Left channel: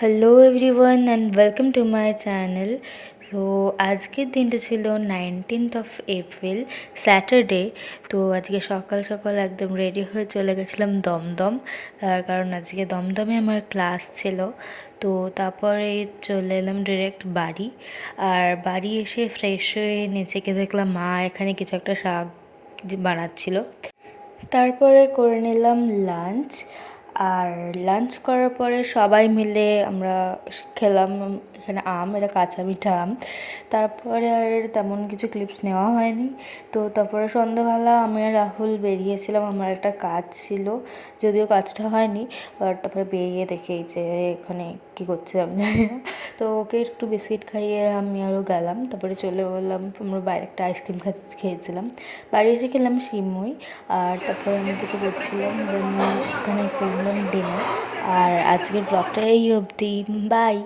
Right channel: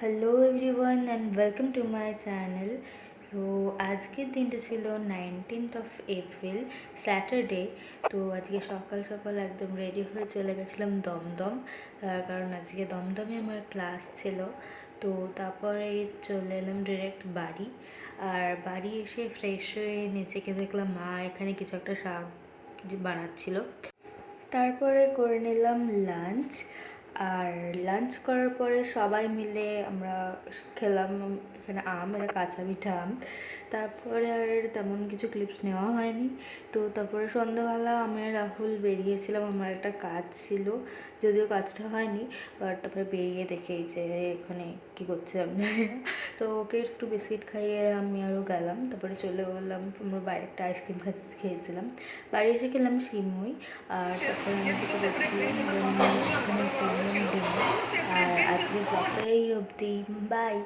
Hello everyone and welcome to my channel. তো আজকের দিনটা ছিল 19th of April, স্যাটারডে। তো আজকে সকাল সকাল একদম রেডি হয়ে চলে গেছিলাম দমদম, তার কারণ আজকে দমদমে আমার ক্লাস ছিল। তো তারপরে চলে এলাম ডিরেক্ট বাড়ি। আর বাড়ি এসে ফ্রেশ হয়ে নিচেকে দেখলাম মা এখানে কিছু একটা শাক বানাচ্ছিল। তারপরে করে নিলাম লাঞ্চ। আর লাঞ্চ করার পরে সবাই মিলে আমরা খেলাম এখানে আম, এটা কাঁচা মিঠা আম। তারপরে আর তেমন কিছু ক্লিপস নেওয়া হয়নি। তো তারপরে সন্ধ্যাবেলা আমি আর রাহুল বেরিয়েছিলাম, আমার একটা কাজ ছিল, যদিও কাজটা হয়নি। আর তারপরে বেরিয়ে দেখে যে এখানে কী করছে আমি জানি না। তো ওকে একটু বিস্কিট খাইয়ে আমি আরও গেলাম, তারপরে চলে বললাম আমরা বাইরে একটা আইসক্রিম খেয়েছিলাম। বাড়ি এসে খেলাম সিমুই। আর তারপরে আমি কিছু করছিলাম, দেন এখানে করলাম ডিনার। আর আজকের ব্লগটা এই অবধি, বাই।